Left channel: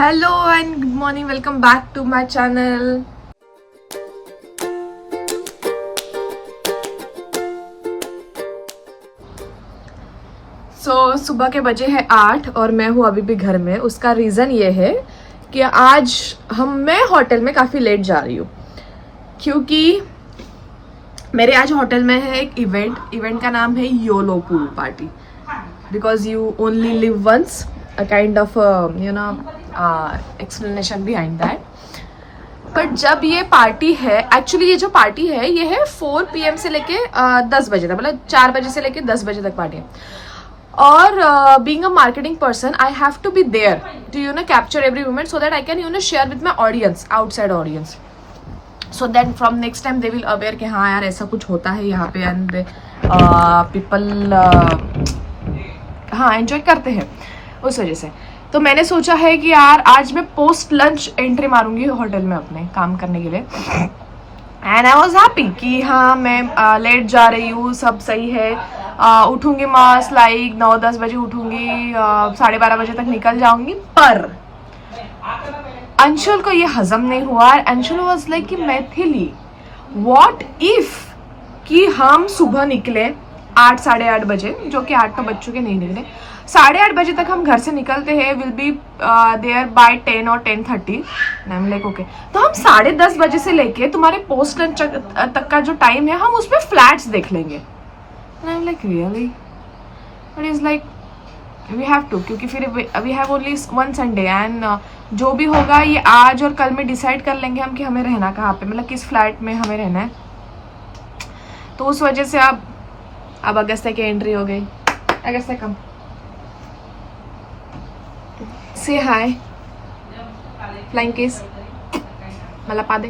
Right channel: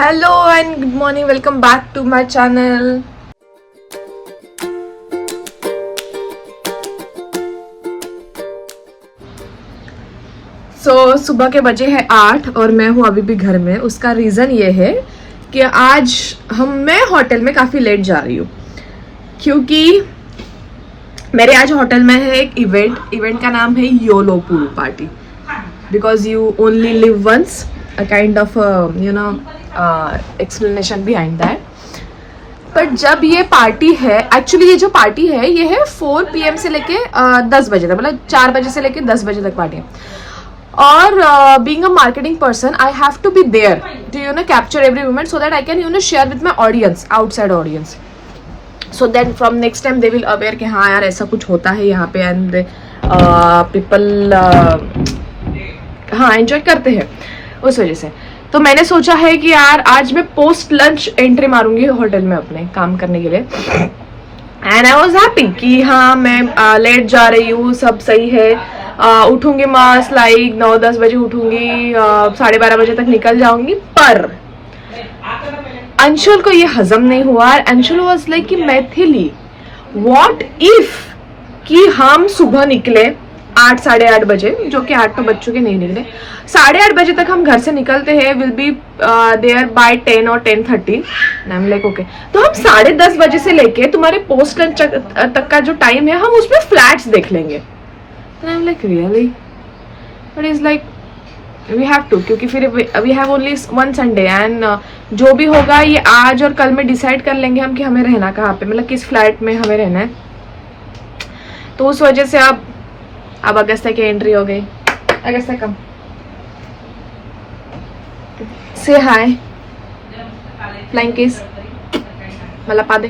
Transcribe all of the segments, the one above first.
Hello and good morning. Welcome back to my channel. सुबह के बजे हैं 8 और मैं हूँ अभी भी घर में। उसका रीज़न ये है कि आज मैं होटल में काफ़ी लेट जा रही हूँ क्योंकि मेरे आज होटल में है एक इवेंट का नाम है YOLO pool party because you only live once, a kind of explanation behind that. But जब ये पार्टी है, एक्चुअली ये जो पार्टी है ये है 4 PM से लेके 10 बजे तक, मतलब 4 बजे से लेके 10 बजे तक पार्टी है। और being a marketing person I have to be there to capture every moment so that I can share with my audience, outside audience, so then from next time they will aware कि हाँ यार ऐसा कुछ होता है यहाँ पे and people हाँ एंजॉय करते हैं उस वजह से। तो मैंने सोचा है कि यार आज मैं पोस्ट लंच एंट्री मारूंगी होटल में अपने काम करने के लिए एंड आई वाज हैप्पी कि हाँ मैं लेट जा रही हूँ, सब सही है। उठूंगी मास लाइक 9-10 बजे उठूंगी, 12:30 बजे तक निकल जाऊंगी। पर अंशुल को ये हजम नहीं हुआ। अंशुल वाज लाइक कि मैथिली व्हाट इफ कि हम सुबह निकले 8 साढ़े 8 बजे, जो कि 8 तो बज चुके नहीं निकले, 8:30 बजे तक हम घर से निकलते हैं, विल बी देयर बाय 10 और 10:30। आई एम लाइक ओके, तो हम 10:30 बजे से लेके तुम्हारे पोस्ट लंच तक का जो टाइम है हम उसमें फ्लैट्स देख लेंगे। I am like really, but is like we have to, क्योंकि फिर we have only one Sunday and जो भी होगा ये आज और कल में डिसाइड कर लेंगे हम कि हमें रहना कहाँ पे, मतलब किस फ्लैट में हमें रहना है। तो उस वजह से अब अगस्त्या की एंट्री हो गई। अगस्त्या कम, से हाय, फ्लाइंग किस, मला पा दे।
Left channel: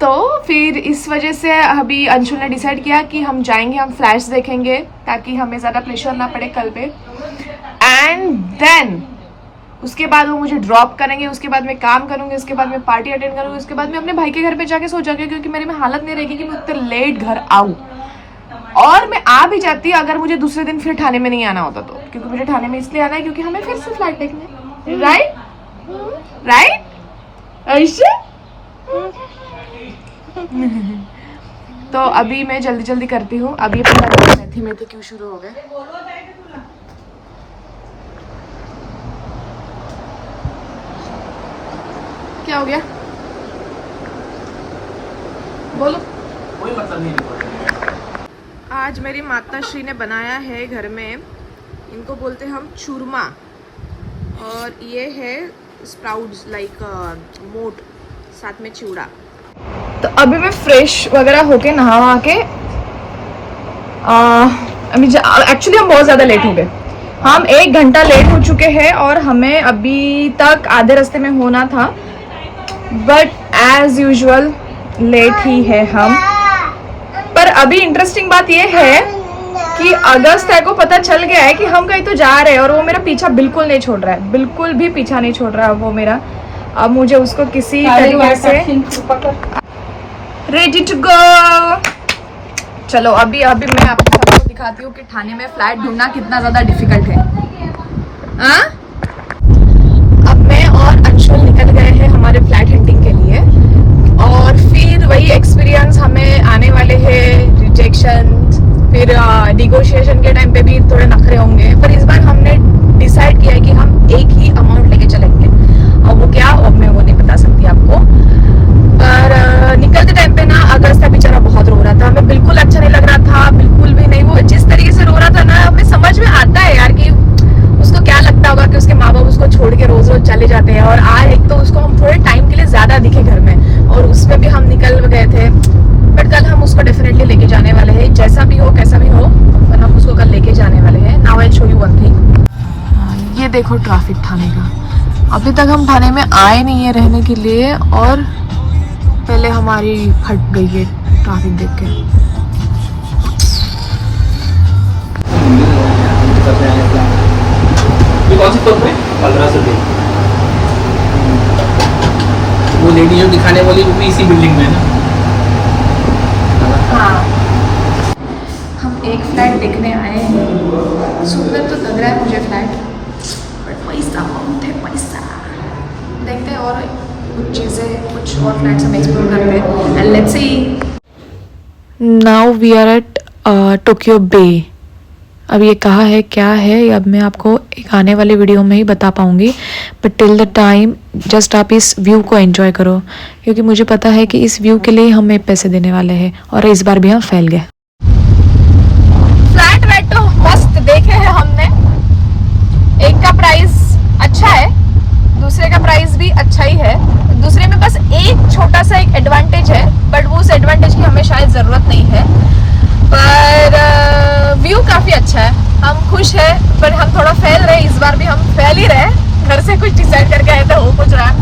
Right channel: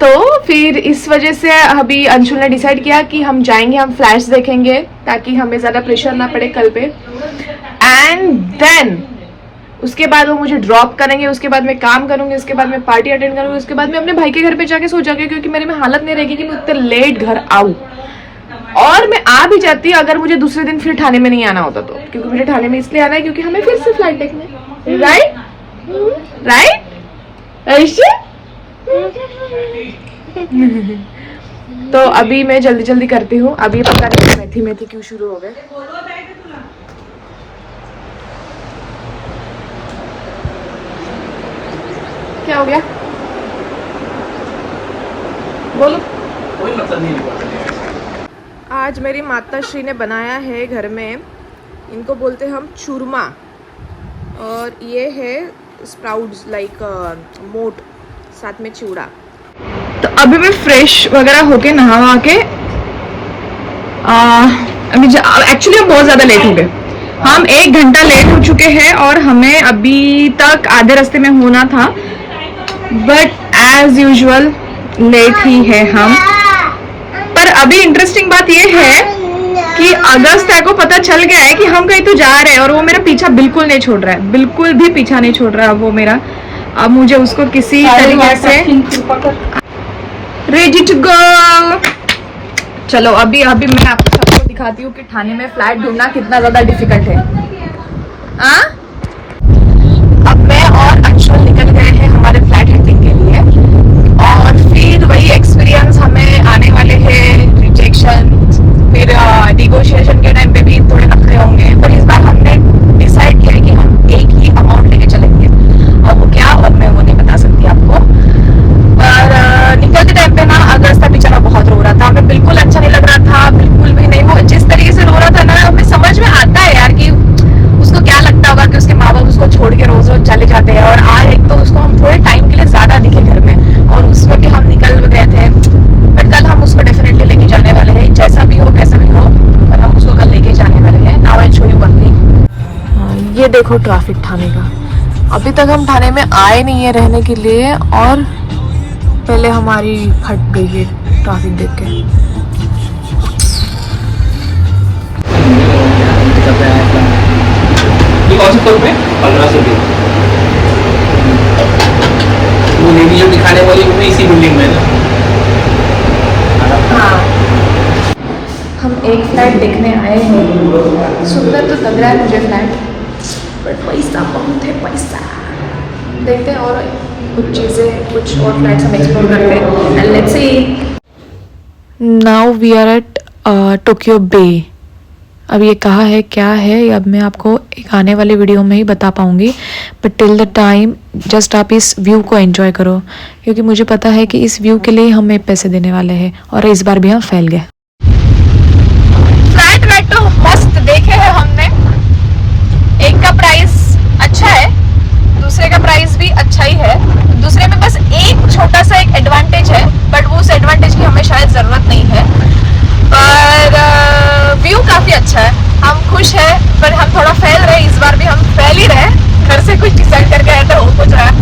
तो फिर इस वजह से अभी अंशुल ने डिसाइड किया कि हम जाएंगे, हम फ्लैश देखेंगे ताकि हमें ज़्यादा प्रेशर ना पड़े कल पे। एंड देन उसके बाद वो मुझे ड्रॉप करेंगे, उसके बाद मैं काम करूंगी, उसके बाद मैं पार्टी अटेंड करूंगी, उसके बाद मैं अपने भाई के घर पे जाके सो जाऊंगी क्योंकि मेरे में हालत नहीं रहेगी कि मैं उतने लेट घर आऊँ। और मैं आ भी जाती अगर मुझे दूसरे दिन फिर ठाणे में नहीं आना होता तो, क्योंकि मुझे ठाणे में इसलिए आना है क्योंकि हमें फिर से फ्लाइट देखने, राइट ऐसे। तो अभी मैं जल्दी जल्दी करती हूँ। अभी पता नहीं मेथी क्यों शुरू हो गए। क्या हो गया बोलो। कोई मतलब नहीं। आज मेरी माता श्री ने बनाया है घर में, इनको बोलते हम चूरमा, और ये है स्प्राउट्स लाइक मोट, साथ में चिवड़ा। तो अभी मैं फ्रेश वगैरह होके नहा के एक्चुअली हम बहुत ज्यादा लेट हो गए, हम 1 घंटा लेट हो चुके हैं और हमें अभी तक आधे रास्ते में होना था, बट एज यूजुअल लेट ही है हम। पर अभी इंटरेस्टिंग बात यह है कि अगस्त्या को पता चल गया है कि हम कहीं तो जा रहे हैं और वो मेरा पीछा बिल्कुल नहीं छोड़ रहा है, बिल्कुल भी पीछा नहीं छोड़ रहा है वो मेरा। अब मुझे उसको किसी तरीके से रेडी टू गो। चलो अभी मैं आपको सबको दिखाती हूँ कि ठाणे में फ्लैट ढूंढना कितना ज्यादा डिफिकल्ट है। अब मैं और अंशुल निकल गए हैं हमारे फ्लैट हंटिंग के लिए, और फिर वही एक्सपीरियंस हमें आने वाले हैं, रिजेक्शन, फिर निगोशिएशन के टाइम पे भी थोड़े नखरे होंगे। पर इस बार हमने डिसाइड किया है कि हम एक ही अमाउंट लेके चलेंगे, और वो क्या अब मैं वो नहीं बता सकती आपको। पर निकलते टाइम पे ना अगस्त्या बेचारा बहुत रो रहा था, हमें बिल्कुल अच्छा नहीं लग रहा था, बिल्कुल भी नहीं। वो जिस तरीके से रो रहा था ना, हमें समझ में आता है यार कि उसको क्या लगता होगा कि उसके माँ बाप उसको छोड़ के रोज रोज चले जाते हैं, और आज एक तो उसको हम थोड़े टाइम के लिए ज्यादा दिखे घर में, और उसमें भी हम निकल गए थे। बट कल हम उसको डेफिनेटली लेके जाने वाले हैं, जैसा भी हो कैसा भी हो, पर हम उसको कल लेके जाने वाले हैं। Now I show you one thing. ये देखो ट्रैफिक ठाणे का, अभी तक हम ठाणे में आए नहीं है रहने के लिए, और पहले हमारी फट गई है ट्रैफिक देख के। वो लेडी जो दिखाने वाली वो इसी बिल्डिंग में है ना। हाँ, हम एक फ्लैट देखने आए सुंदर तो लग रहा है मुझे फ्लैट, बट पैसा बहुत है पैसा। देखते हैं और कुछ चीज़ें, कुछ और फ्लैट्स हम एक्सप्लोर करते हैं and let's see. Now we are at Tokyo Bay. अब ये कहाँ है, क्या है, अब मैं आपको एक आने वाले वीडियो में ही बता पाऊँगी, but till the time just आप इस व्यू को एंजॉय करो, क्योंकि मुझे पता है कि इस व्यू के लिए हमें पैसे देने वाले हैं और इस बार भी हम फैल गए। फ्लैट वेट तो मस्त देखे हैं हमने, एक का प्राइस अच्छा है, दूसरे का प्राइस भी अच्छा ही है। दूसरे में बस एक छोटा सा एक एडवांटेज है, बट वो उस एडवांटेज की हमें शायद ज़रूरत नहीं है, पर व्यू काफ़ी अच्छा है। हम खुश हैं, पर हम थोड़ा फैल रहे, इस बार भी हम फैल ही रहे। घर से कुछ डिसाइड करके आए तो हो कुछ रहा है,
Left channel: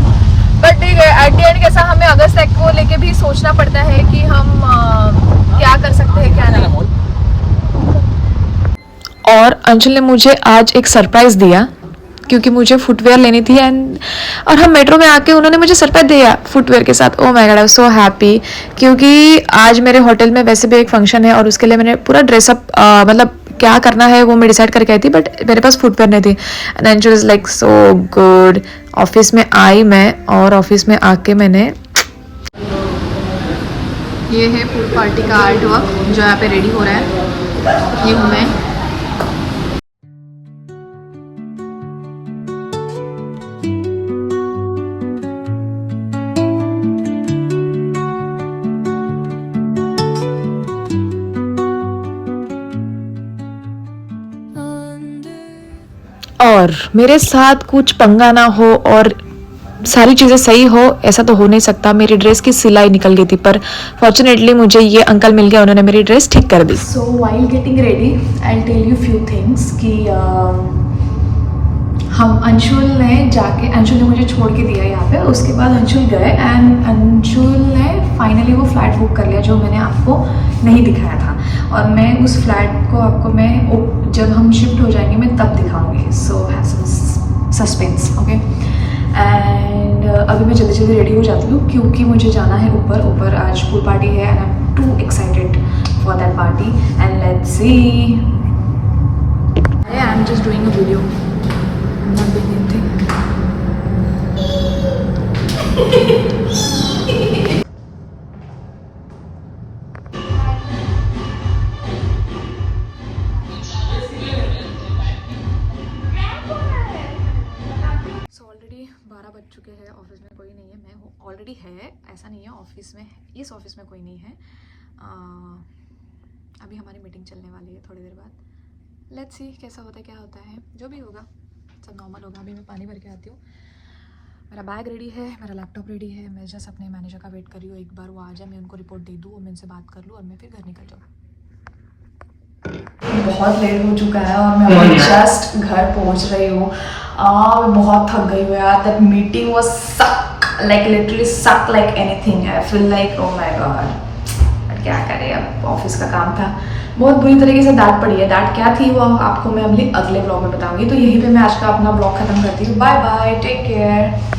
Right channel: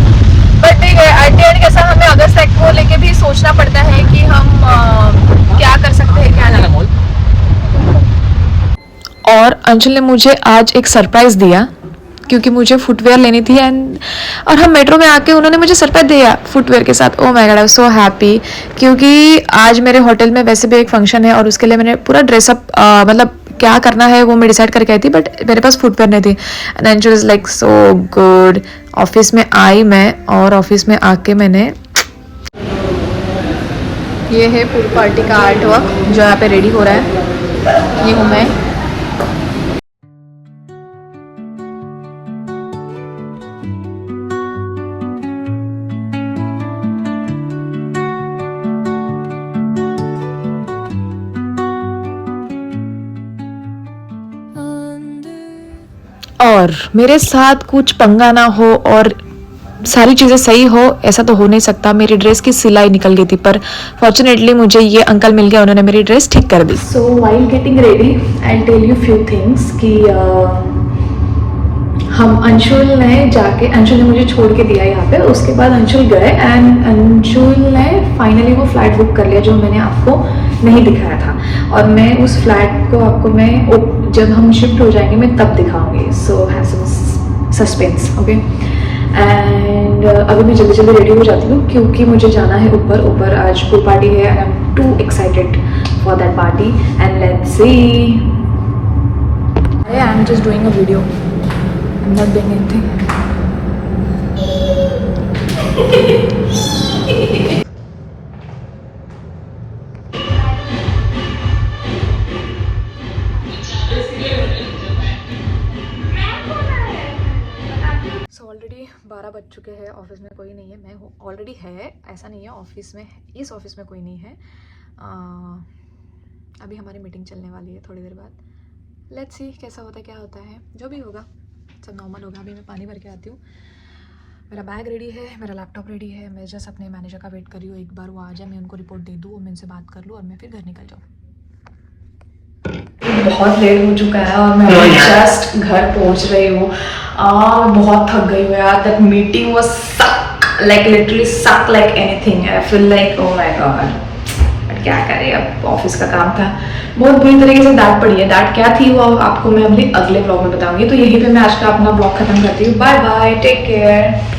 बट एट द एंड कैसा हमें अगस्त तक को लेके भी सोचना पड़ता है कि हम क्या कर सकते हैं क्या नहीं। और अंशुल ने मुझे आज एक सरप्राइज़ दिया, क्योंकि मुझे फुटवेयर लेनी थी और हम मेट्रो में आके उन्होंने मुझे सरप्राइज दिया फुटवेयर के साथ। Oh my God, I am so happy, क्योंकि आज मेरे होटल में वैसे भी एक फंक्शन है और उसके लिए मैंने पूरा ड्रेसअप मतलब क्या करना है वो मैं डिसाइड करके आई थी, बट मेरे पास फुटवेयर नहीं थी। And Anshul is like so good. Office में आई मैं, और ऑफिस में आके मैंने, ये है पूल पार्टी का आर्ट वर्क जो यहाँ पे रेडी हो रहा है। ये हूँ मैं। और मेरे साथ कुछ पंगा ना हो और सारी चीज़ें सही हो, ऐसा तो हो नहीं सकता। मेरी ड्रेस की सिलाई निकल गई थी, पर फॉर्चुनेटली मुझे ये अंकल मिल गया, उन्होंने मेरी ड्रेस ठीक कर दी। So while getting ready and tell you few things कि हम अंशुल ने मुझे छोड़ के दिया यहाँ पे, उसके बाद अंशुल गए एंड अंशुल ने फाइनली वो फ्लैट बुक कर लिया जो मैंने आपको नहीं दिखाया था, और मैं उस फ्लैट को आपको मैं जब हम शिफ्ट हो जाएंगे मैं तब दिखाऊंगी। So have some suspense, okay. And अभी मैं जल्दी जल्दी रेडी हो जाती हूँ क्योंकि मुझे जाना है ऊपर आज पूल पार्टी है and I am to excited for that party and let's C. I am just doing a video, I'm not doing anything. So already 12 बज चुके हैं, ऑफिस में कोई नहीं है। मैं हूँ ऑलरेडी है, ऐसा नहीं है ऑफिस में, इस ऑफिस में कोई नहीं है। अभी हमारी मीटिंग चलने वाली है थोड़ी देर बाद। लेट्स सी कैसा होता है, क्या होता है, जो भी होगा सब नॉर्मल होगा। अभी मैं पानी भर के आती हूँ। मेरा बैग रेडी है, मेरा लैपटॉप रेडी है, मैं जस्ट अपने मैनेजर का वेट कर रही हूँ, एक बार वो आ जाए, मैं उनको रिपोर्ट दे दूँ, मैं उनसे बात कर लूँ और मैं फिर घर निकल जाऊँ। बहुत लेट हो चुका है और मैं जस्ट घर पहुँच रही हूँ। बहुत थक गई हूँ यार। दैट मीटिंग वाज सक, लाइक लिटरली सक like anything. I feel like oh my God, but क्या करें, अब ऑफिस का काम था। बहुत बुरी तरीके से डांट पड़ी है। डांट क्या थी वो आपको मैं अपने अगले ब्लॉग में बताऊंगी। तो यहीं पे मैं आज का अपना ब्लॉग खत्म करती हूँ। Bye bye, take care.